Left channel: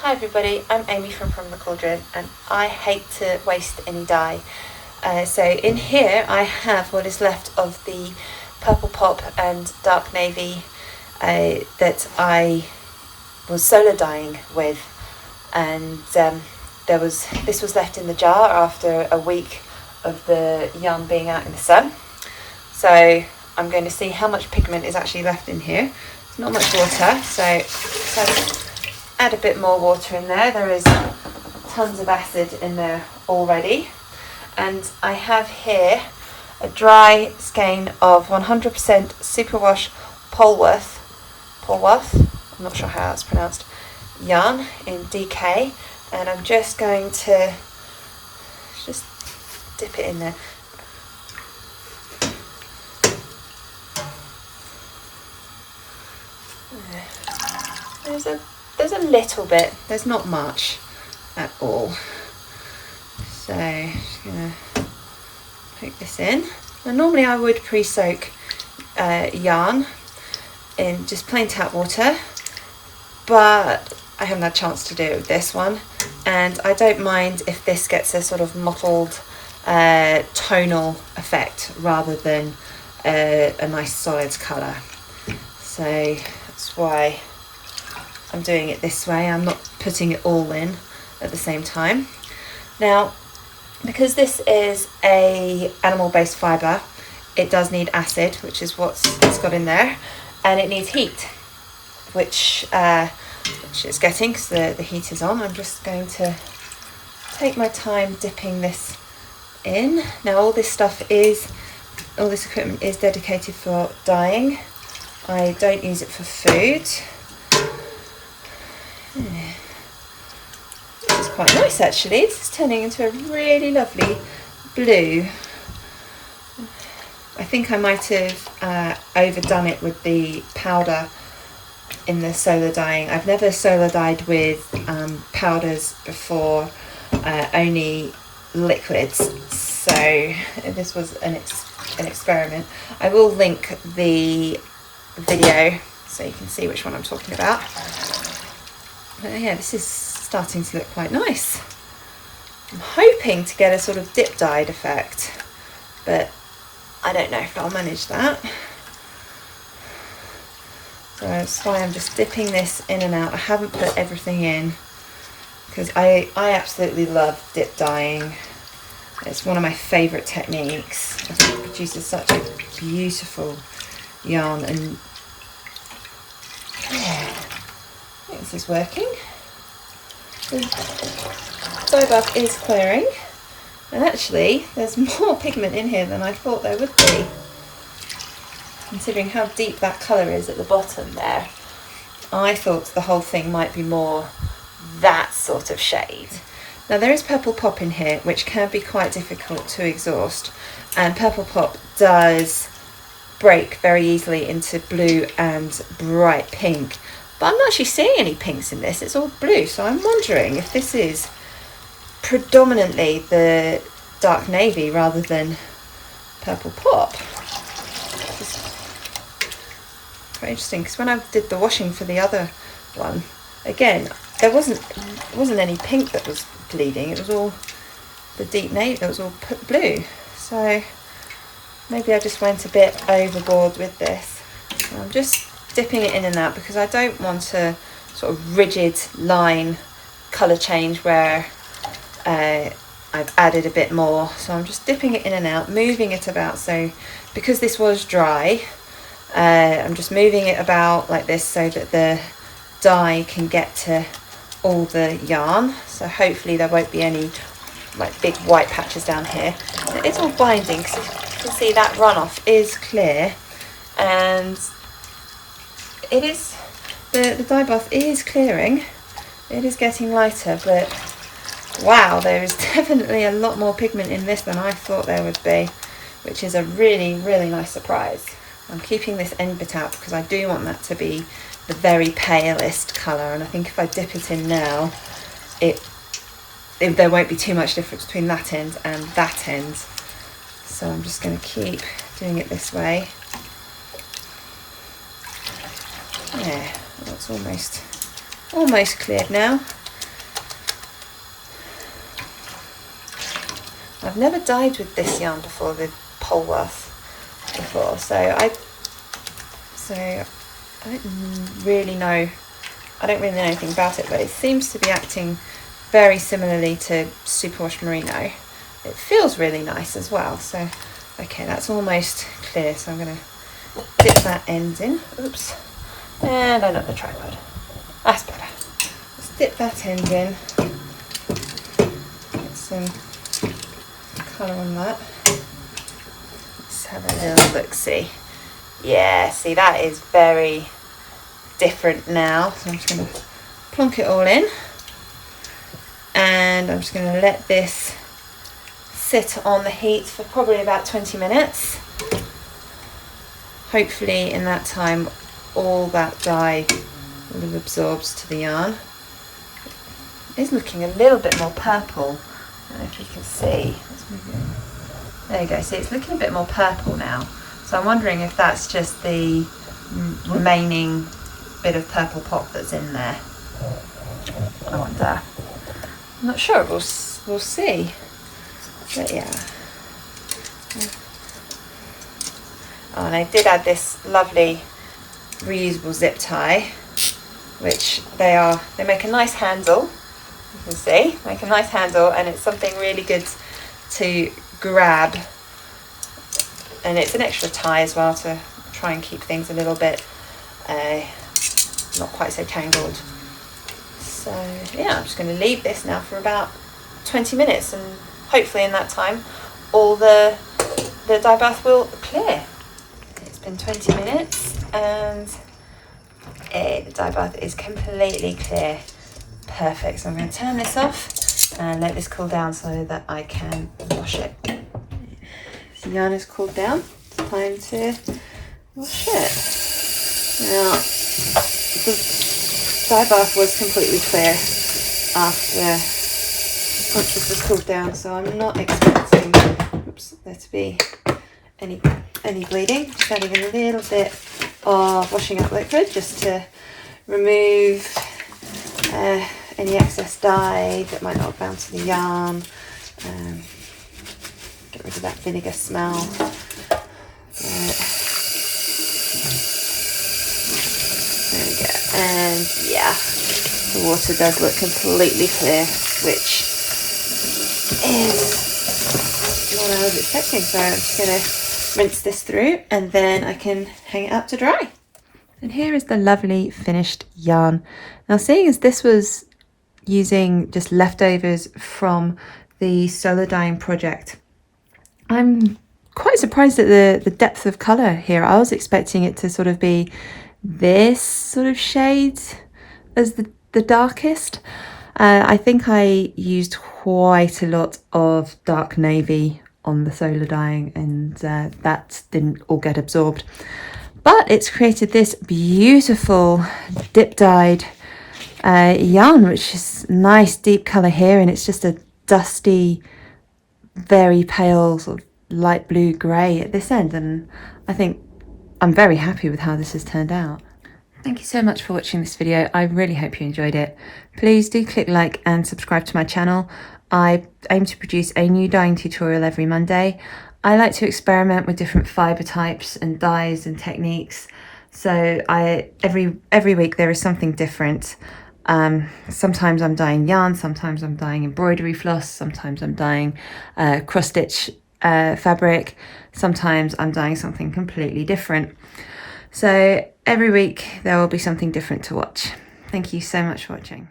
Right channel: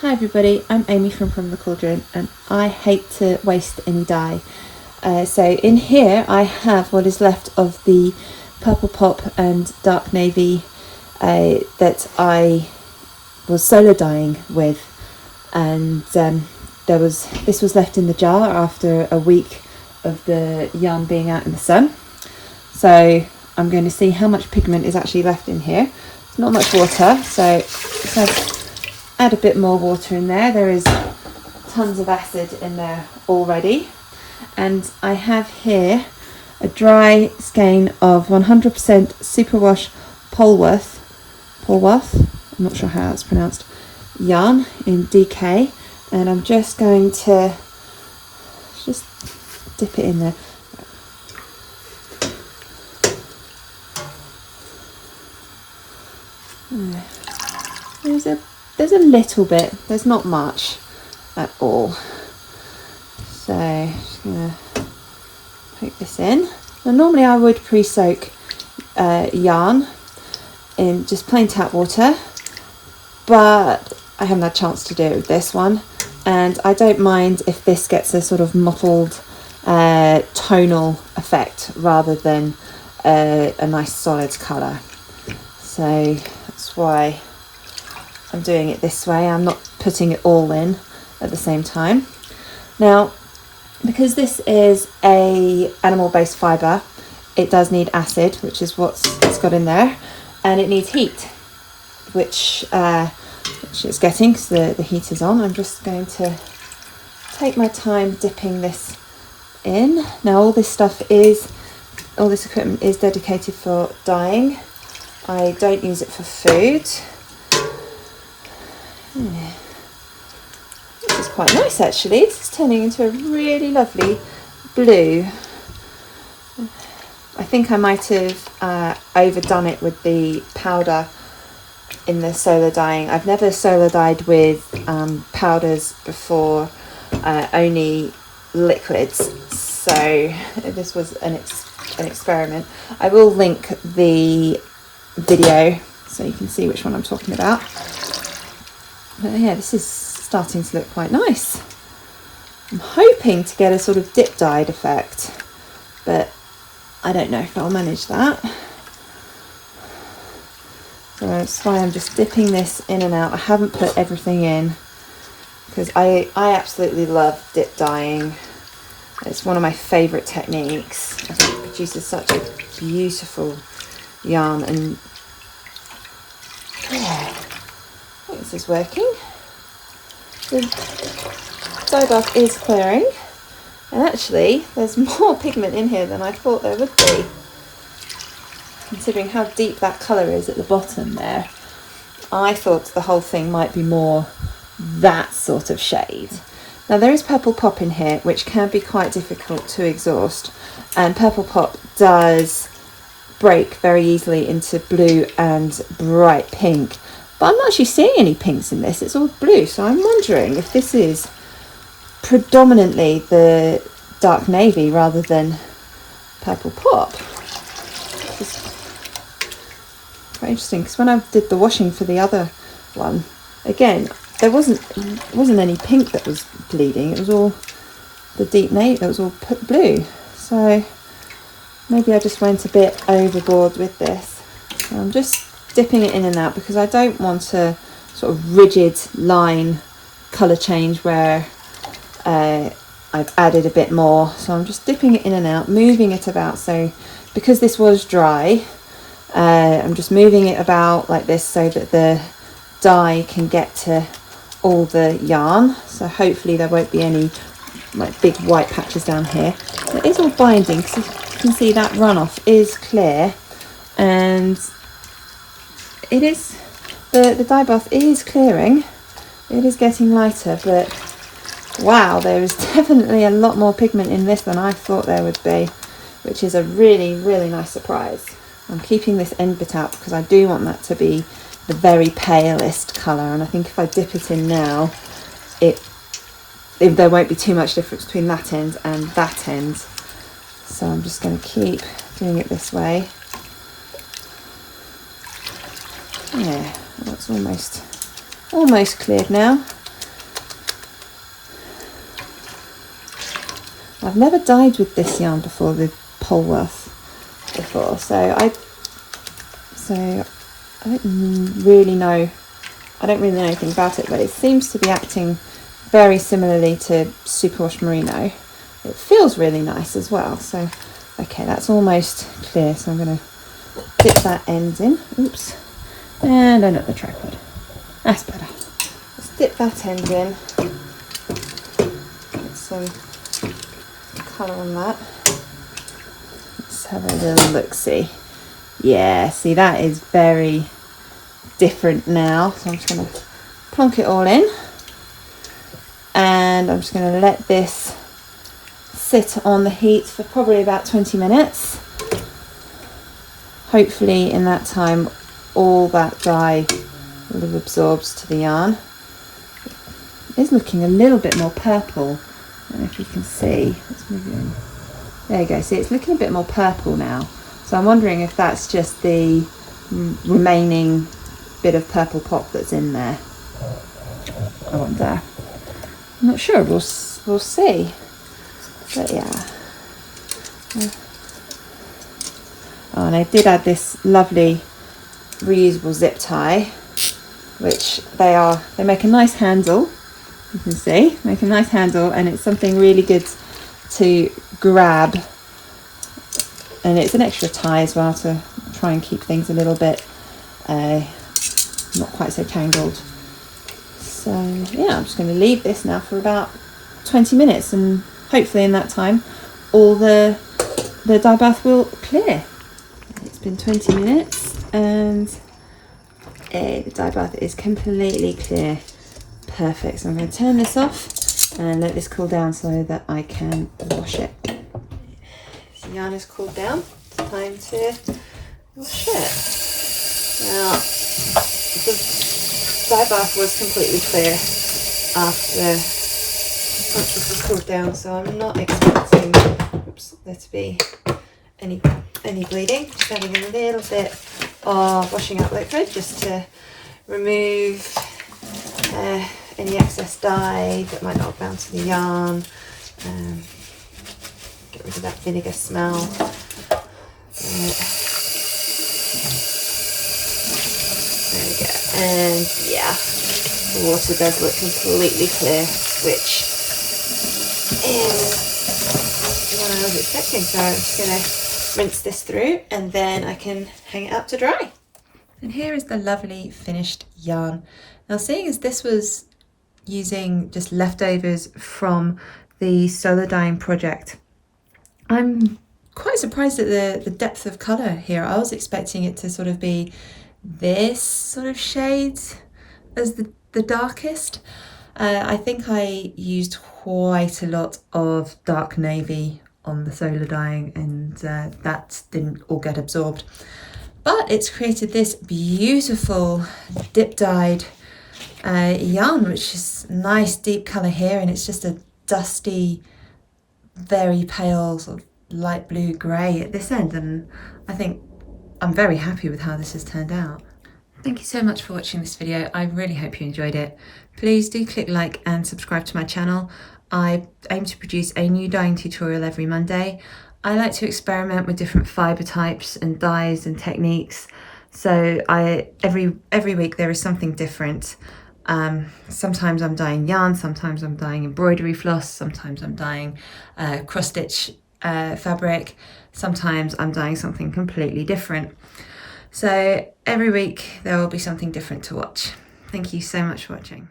Hi everybody, I'm Amy from the Cauldron, and I hate to waste any dye. So in here I have what is left of the Purple Pop and Dark Navy that I was solar dyeing with, and this was left in the jar after a week of the yarn being out in the sun. So I'm going to see how much pigment is actually left in here. It's not much water, so let's add a bit more water in there. There is tons of acid in there already. And I have here a dry skein of 100% superwash Polwarth, I'm not sure how it's pronounced, yarn in DK, and I'm just going to just dip it in there. There's a little bit, there's not much at all. So I'm just going to poke this in. Now normally I would pre-soak yarn in just plain tap water, but I haven't had a chance to do it with this one, and I don't mind if this gets a sort of mottled tonal effect rather than a nice solid colour. So that's why I'm doing it this way. I'm not putting it all in at the same time. Now, because this is a animal-based fibre, it does need acid, which is what it's got in there, and it needs heat, which it's getting because the heat is on. I'm just going to take my time dipping this in. Now all this equipment is dedicated for dyeing. I don't use it for food. Yeah. This is quite nice actually. This is turning into a really lovely blue. I think I might have overdone it with the powder in the solar dyeing. I've never solar dyed with powders before, only liquids. So this was an experiment. I will link the video so you can see which one I'm talking about. But yeah, this is starting to look quite nice. I'm hoping to get a sort of dip dyed effect, but I don't know if I'll manage that. So that's why I'm just dipping this in and out. I haven't put everything in because I absolutely love dip dyeing. It's one of my favourite techniques. I think it produces such a beautiful yarn, and this is working. The dye bath is clearing, and actually there's more pigment in here than I thought there would be, considering how deep that colour is at the bottom there. I thought the whole thing might be more that sort of shade. Now there is Purple Pop in here, which can be quite difficult to exhaust, and Purple Pop does break very easily into blue and bright pink, but I'm not actually seeing any pinks in this. It's all blue, so I'm wondering if this is predominantly the Dark Navy rather than Purple Pop. It's quite interesting, because when I did the washing for the other one, again, there wasn't any pink that was bleeding. It was all the deep navy. It was all blue. So maybe I just went a bit overboard with this. So I'm just dipping it in and out because I don't want a sort of rigid line colour change where I've added a bit more. So I'm just dipping it in and out, moving it about. So because this was dry, I'm just moving it about like this so that the dye can get to all the yarn. So hopefully there won't be any like big white patches down here. It is all binding because you can see that runoff is clear, and it is, the dye bath is clearing. It is getting lighter, but wow, there is definitely a lot more pigment in this than I thought there would be, which is a really, really nice surprise. I'm keeping this end bit out because I do want that to be the very palest colour, and I think if I dip it in now, there won't be too much difference between that end and that end. So I'm just going to keep doing it this way. Yeah, that's almost cleared now. I've never dyed with this yarn before, the Polwarth before, so I don't really know anything about it, but it seems to be acting very similarly to Superwash Merino. It feels really nice as well. So okay, that's almost clear, so I'm going to dip that end in. Oops, and under the tripod. That's better. Let's dip that end in. Get some colour on that. Let's have a little look-see. Yeah, see, that is very different now. So I'm just going to plonk it all in, and I'm just going to let this sit on the heat for probably about 20 minutes. Hopefully in that time all that dye will have absorbed to the yarn. It is looking a little bit more purple. I don't know if you can see. Let's move it in. There you go. See, it's looking a bit more purple now. So I'm wondering if that's just the remaining bit of purple pop that's in there. I wonder. I'm not sure. We'll see. But yeah. Oh, and I did add this lovely reusable zip tie, which they make a nice handle. You can see, make a nice handle, and it's something really good to grab. And it's an extra tie as well to try and keep things a little bit not quite so tangled. So yeah, I'm just going to leave this now for about 20 minutes, and hopefully in that time all the dye bath will clear. It's been 20 minutes and the dye bath is completely clear. Perfect. So I'm going to turn this off and let this cool down so that I can wash it. The yarn is cooled down. It's time to wash it. Now, the dye bath was completely clear after once this was cooled down, so I'm not expecting there to be any bleeding. Just adding a little bit of washing up liquid just to remove any excess dye that might not have bound to the yarn. Get rid of that vinegar smell. There we go. And yeah, the water does look completely clear, which is what I was expecting. So I'm just going to rinse this through and then I can hang it up to dry. And here is the lovely finished yarn. Now, seeing as this was using just leftovers from the solar dyeing project, I'm quite surprised at the depth of colour here. I was expecting it to sort of be this sort of shade as the darkest. I think I used quite a lot of dark navy on the solar dyeing, and that didn't all get absorbed. But it's created this beautiful dip dyed yarn, which is nice deep colour here, and it's just a dusty, very pale sort of light blue grey at this end, and I think I'm very happy with how this has turned out. Thank you so much for watching this video. I really hope you enjoyed it. Please do click like and subscribe to my channel. I aim to produce a new dyeing tutorial every Monday. I like to experiment with different fibre types and dyes and techniques. So every week there is something different. Sometimes I'm dyeing yarn, sometimes I'm dyeing embroidery floss, sometimes I'm dyeing cross stitch fabric, sometimes I'm dyeing something completely different. So every week there will be something different to watch. Thank you so much for watching.